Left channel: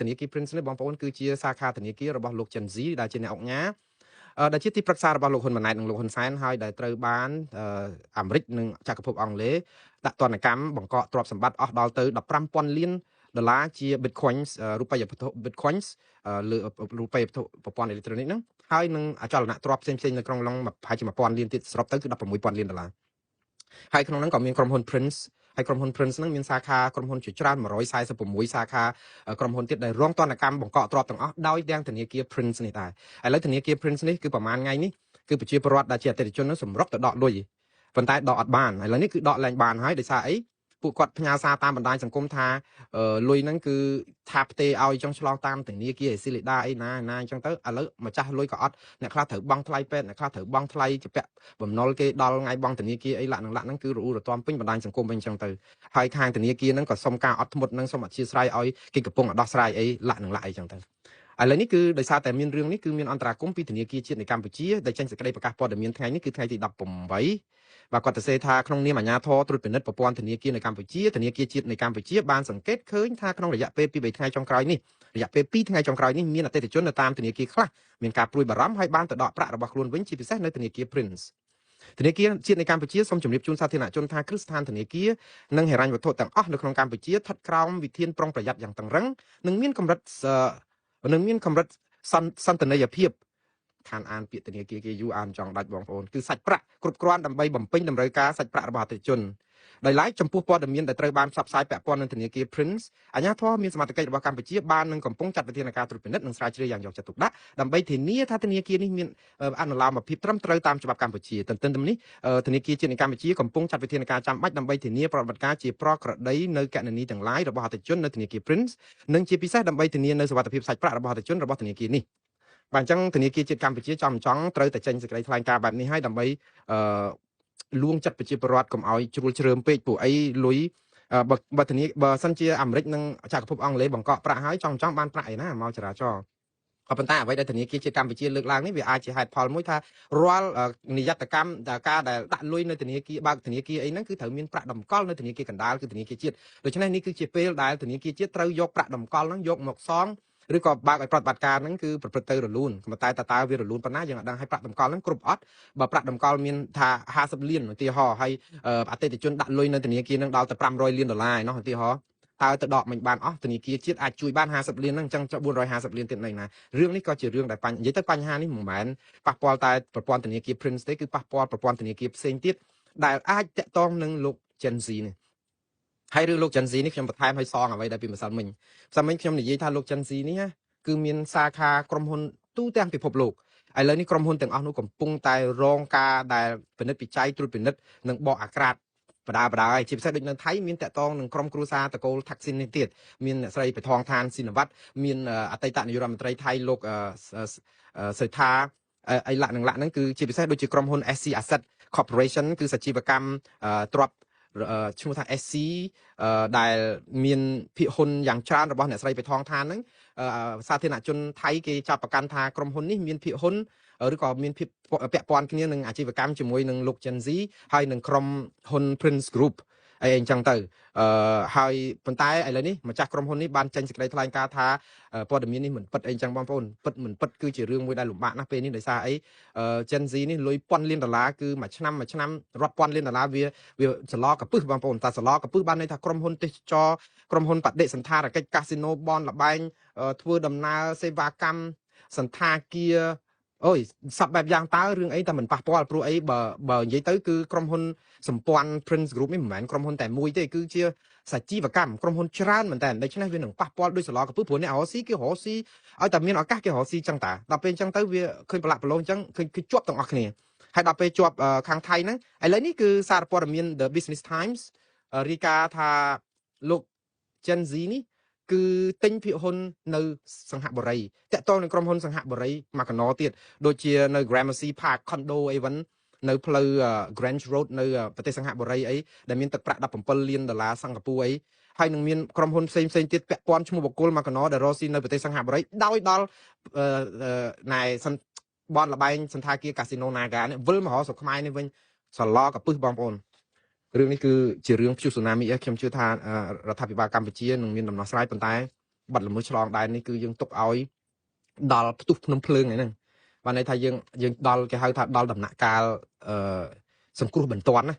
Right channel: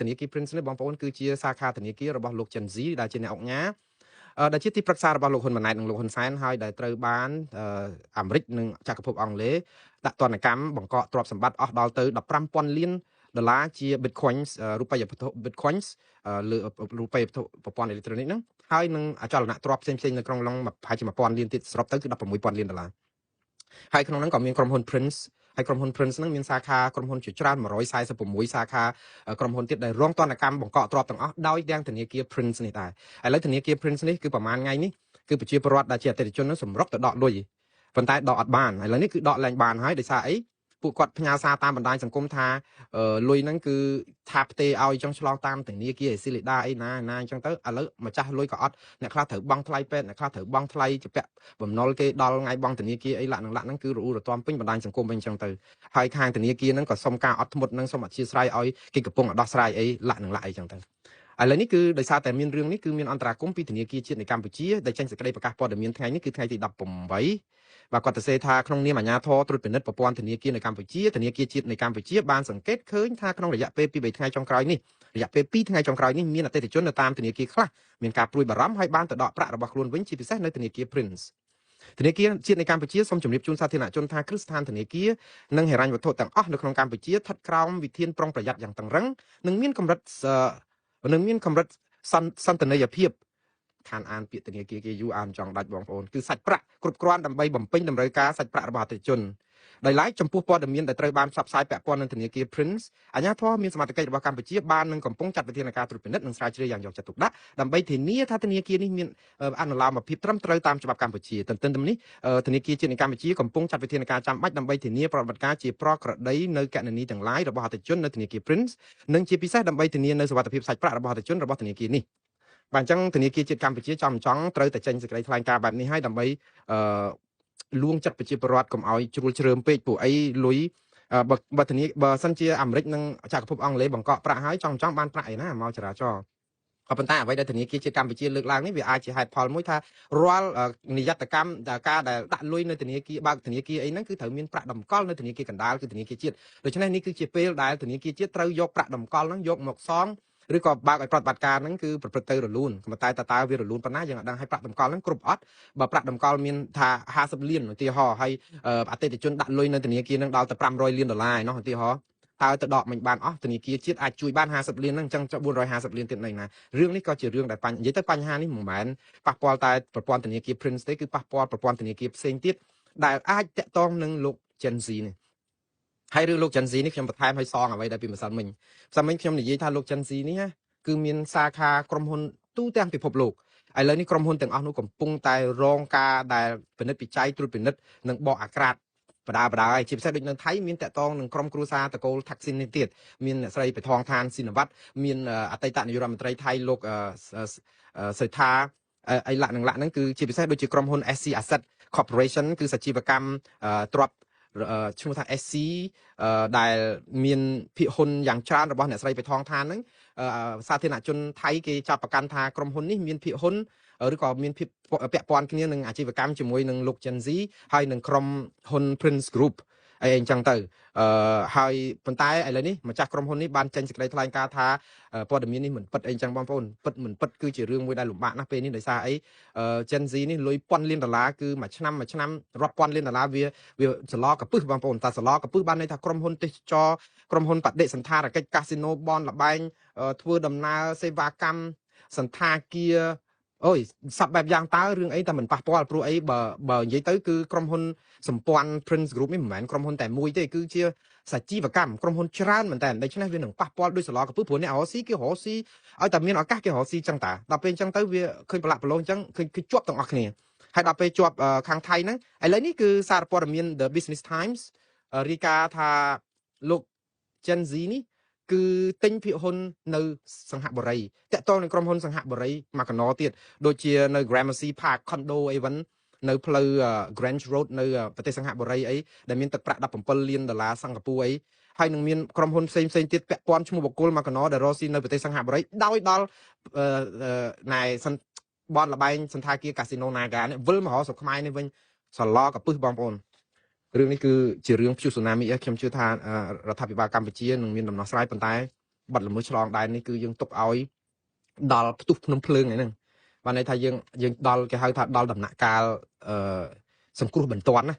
ធនាគារ Prince នេះបងប្អូនគឺជាសាខាធនាគាររបស់លោក Chen Zi ដែលជាអ្នកអង្គការដែលជាទីប្រឹក្សារបស់លោកហ៊ុនម៉ាណែតនិងលោកហ៊ុនសែនហើយដែលត្រូវបានអាមេរិកនិងចក្រភពអង់គ្លេសដាក់ទណ្ឌកម្មបង្កកទ្រព្យសម្បត្តិអស់ដល់ទៅ15,000 លានដុល្លារជា Bitcoins រូបិយវត្ថុ Bitcoins លើរូបិយវត្ថុប្រព័ន្ធអេឡិចត្រូនិកហ្នឹងហើយនឹងអចលនទ្រព្យផ្សេងៗនៅក្នុងឡងប្រហែលជា 1,000 លានទៀតស្របទៅ 16,000 លានដុល្លារហើយក្នុងហ្នឹងក៏មានក្រុមហ៊ុន Prince ហើយក្រុមហ៊ុន Prince ហ្នឹងមានសាខាក្រុមហ៊ុនជាច្រើន146សាខាក្រុមហ៊ុនទៀតដែលរងទណ្ឌកម្មបង្កកទ្រព្យទាំងអស់ដោយទាំងធនាគារ Prince នេះដែរឥឡូវធនាគារ Prince នេះគឺប្រហែលថ្ងៃនេះគឺប្រជាពលរដ្ឋដែលជាអតិថិជនហ្នឹងសម្រុកទៅដកលុយប៉ុន្តែដកអត់បានឥឡូវនេះគឺដកឡើងបានហើយដោយសារអីពួកគាត់ផ្ញើសារតាមបណ្ដាញសង្គមថាលុយហ្នឹងគឺថាផ្ទេរឲ្យចង់ឆ្លងតាមធនាគារស៊ីលីដាអីណាអញ្ចឹងទៅឥឡូវម្ចាស់លុយក៏អត់អ្នកខ្លះត្រូវបង់ថ្លៃពេទ្យអ្នកខ្លះត្រូវបង់ថ្លៃជាពាក់បំណុលគេដល់ថ្ងៃបង់ធនាគារអីឡាក់ហ្នឹងគឺរអ៊ូរទាំពេញបណ្ដាញសង្គមវិញអញ្ចឹងទៅហើយខាងធនាគារហ្នឹងក៏សុំការអត់ធ្មត់និងសុំអធិស្ឋានឲ្យគេកំពុងដោះស្រាយអីឡាក់អីអញ្ចឹងទៅឥឡូវនេះគឺដោយសារតែមានរឿងនេះគឺមានអន្តរាគមន៍ពីធនាគារជាតិនៃកម្ពុជាដែលចេញសេចក្តីប្រកាសព័ត៌មានថ្ងៃនេះគឺថ្ងៃទី18បាទគាត់ទៅសេថាក្នុងនាមអាជ្ញាធរត្រួតពិនិត្យប្រព័ន្ធធនាគារនៅកម្ពុជាធនាគារជាតិនៃកម្ពុជាបានសង្កេតឃើញថាក្នុងរយៈពេល2-3ថ្ងៃចុងក្រោយនេះរយៈពេល2ថ្ងៃចុងក្រោយនេះមានអតិថិជននៅតាមធនាគារខ្លះមានការព្រួយបារម្ភហើយបានទៅដកប្រាក់របស់ខ្លួនវិញជាពិសេសនៅធនាគារ Prince ធនាគារជាតិនៃកម្ពុជាសូមជម្រាបជូនសាធារណជនថាគ្រឹះស្ថានធនាគារនិងហិរញ្ញវត្ថុទាំងអស់នៅក្នុងកម្ពុជាស្ថិតក្រោមវិធានប្រុងប្រយ័ត្នយ៉ាងតឹងរ៉ឹងនិងមានកម្រិតសន្តិនិយភាពខានអានពាក្យធនាគារគេយូរអានចង់ដាច់បងប្អូនគឺសាច់ប្រាក់គ្រប់គ្រាន់ដើម្បីបំពេញតម្រូវការសាច់ប្រាក់របស់អតិថិជនដោយឡែកចំពោះព័ត៌មានដែលត្រូវបានផ្សព្វផ្សាយពាក់ព័ន្ធនឹងធនាគារ Prince អាជ្ញាធរមានសមត្ថកិច្ចរបស់កម្ពុជាបាននឹងកំពុងចាត់វិធានការត្រួតពិនិត្យនិងស្រាវជ្រាវយ៉ាងយកចិត្តទុកដាក់ដើម្បីធានាថាធនាគារនេះមានអនុលោមភាពត្រឹមត្រូវតាមច្បាប់កម្ពុជាទន្ទឹមនេះធនាគារជាតិនៃកម្ពុជាកំពុងចាត់វិធានការចាំបាច់ដើម្បីធានាប្រតិបត្តិការជាប្រក្រតីនៅគណនីទាំងឡាយរបស់អតិថិជននៅធនាគារ Prince និងជាពិសេសដើម្បីធានានូវសុវត្ថិភាពសាច់ប្រាក់របស់អតិថិជនរបស់ធនាគារនេះបាទអញ្ចឹងធនាគារជាតិកម្ពុជាចង់ត្រូវតែចេញសេចក្តីថ្លែងការណ៍បែបនេះឲ្យដើម្បីលួងចិត្តប្រជាពលរដ្ឋកុំឲ្យជ្រួលជ្រើមពេកពួកអីលុយបើសិនជាអាមេរិកនិងចក្រភពអង់គ្លេសបង្កក់ប្រាក់ឲ្យចង់បានប្រាក់ឯណាមកចរាចរណ៍ក៏ប៉ុន្តែអ្វីដែលធនាគារជាតិកម្ពុជាលើកឡើងនេះវាអាចជាហេតុផលមួយថារាល់និយត្តកម្មការដែលដាក់លុយនៅធនាគារបើកធនាគារអីហ្នឹងគឺត្រូវមានប្រាក់តម្កល់នៅធនាគារកណ្ដាលគឺធនាគារជាតិដូច្នេះនេះគឺជាពេលដែលធនាគារជាតិត្រូវយកប្រាក់តម្កល់ហ្នឹងយកមកសងឬក៏បើកឲ្យប្រតិបត្តិការហ្នឹងគឺប្រព្រឹត្តទៅរលូនប៉ុន្តែតើវារលូនប៉ុណ្ណាយើងអត់ដឹងឲ្យប្រាក់តម្កល់ហ្នឹងគ្រប់អត់បើប្រាក់តម្កល់មានថា50លានឧទាហរណ៍ហើយអតិថិជនដាក់លុយនៅធនាគារហ្នឹងដល់ទៅ500លានដុល្លារឯណោះឧទាហរណ៍តើទៅដកមិនបានអស់ធនាគារជាតិអាចជួយបាន50លានហ្នឹងអញ្ចឹង450លានទៀតនៅណារឿងនេះក៏ជារឿងដែលនិយាយទៅបញ្ហានេះមិនមែនប៉ះពាល់តែប្រព័ន្ធធនាគារ Prince ទេគឺប៉ះពាល់ប្រព័ន្ធធនាគារផ្សេងទៀតដែលអាចទាក់ទងនឹងលោក Gen Z នេះហើយរឿងលោក Gen Z នេះខ្ញុំបន្ថែមឲ្យសងអ្វីដែលពីម្សិលមិញខ្ញុំនិយាយថាលោក Gen Z នេះគឺមានសាខាក្រុមហ៊ុនទូទាំងពិភពលោកឥឡូវនេះក្រុមហ៊ុនទាំងអស់នោះកំពុងតែរងការដែលពិនិត្យពិច័យត្រួតពិនិត្យនិងបកអាក្រាតបដាហើយជាពិសេសដូចនៅថៃមានតកតងនឹងក្រុមគ្រួសារតកូលថាក់ស៊ីននេះទៀតមានអ្នកស្រីបៃថងឋានស៊ីនវត្តមានអតីតនាយករដ្ឋមន្ត្រីថៃលោកសេដ្ឋាអីឡាក់ហ្នឹងគឺជាពិសេសដូចជាក្រុមហ៊ុន SC Asset Corporation គឺសជីវកម្មទ្រព្យឈ្មោះថា SC ដែលមានភាគហ៊ុនយ៉ាងច្រើនរបស់អ្នកស្រីបៃថងឋានហ្នឹងសាធារណជនថៃគេចាប់ប្រកាន់ថាក្រុមហ៊ុននេះមានភាគហ៊ុនឬក៏មានភាពពាក់ព័ន្ធគ្នានឹងអាជីវកម្មជាមួយនឹងលោក Gen Z ហើយនឹងក្រុមហ៊ុន Prince Group អីអញ្ចឹងទៅហើយប៉ុន្តែឥឡូវនេះម្ចាស់ក្រុមហ៊ុននេះបានចេញសេចក្តីថ្លែងការណ៍ថាព័ត៌មាននេះមិនពិតអីចឹងបងប្អូនពិតមិនពិតគឺជារឿងមួយដែលលំបាកណាស់ពេលនេះដោយសារអីGen Z នេះលុយពាន់លានដុល្លារគឺមួយឆ្នាំរាប់ពាន់លានដុល្លារវាសឡកពឹសបងប្អូនតែសឡកពឹសបានន័យថាក្រុមហ៊ុនទេសចរក្រុមហ៊ុនបដិសណ្ឋារកិច្ចកាស៊ីណូបនលបែងធ្វើដំណើរសេវាកម្មសន្តាគារអូយសពបែបយ៉ាងតើរឿងអីតែមិនប៉ះពាល់ព្រោះអីបើនិយាយទៅគឺក្រុមហ៊ុនសម្ព័ន្ធ Prince Group នេះមិនមែនក្រុមហ៊ុនតែមួយទេគឺជាសជីវកម្មក្រុមហ៊ុនច្រើនមែនតើដូច្នេះវានឹងប៉ះពាល់ដោយសឡកពឹសព្រោះអ្នករកស៊ីគេរកស៊ីឲ្យតែមានឱកាសគេរកស៊ីចឹងតាដល់ពេលចឹងទៅវាឃើញប្រឡាក់ប្រឡងចឹងឃើញជាប់ទាំងអស់គ្នាហើយដល់ពេលជាប់ខាងថៃហ្នឹងឥឡូវនេះគឺសារព័ត៌មាន The Business Times រាយការណ៍ថាលោក Gen Z នេះគឺទិញភាគហ៊ុននៅសង្ហបុរីតាក់ទងនឹងក្រុមហ៊ុនសង្ហបុរីមកកណោទៀតដូចជានៅ Gramercy Park Condo អីវិញនៅផ្លូវ Grand Road នៅប្រទេសសង្ហបុរីអីដែលមានទឹកប្រាក់17លានដុល្លារសិង្ហបុរីអីហើយនឹងមានក្រុមហ៊ុនផ្សេងទៀតពាក់ព័ន្ធឈ្មោះបុគ្គលមកកណោដែលរកស៊ីនៅប្រទេសសង្ហបុរីដោយដល់ណែបនលបែងសន្តាគារកាស៊ីណូ Naga នេះវិលមករកស្រុកខ្មែរនេះវិញសឡកពឹសបងប្អូនរឿងនេះគឺជារឿងព្យុះស៊ូណាមីខ្ញុំជឿថារដ្ឋាភិបាលកម្ពុជានឹងមានដំណោះស្រាយប៉ុន្តែ បាត់ល្មើសឆ្លងដែននេះគឺយើងទុកឲ្យដល់ផ្ទុះភ្នំភ្លើងហ្នឹងបានន័យថាយើងដល់គេហៅថាដល់ដំណាក់កាលសង្គ្រោះបន្ទាន់ណា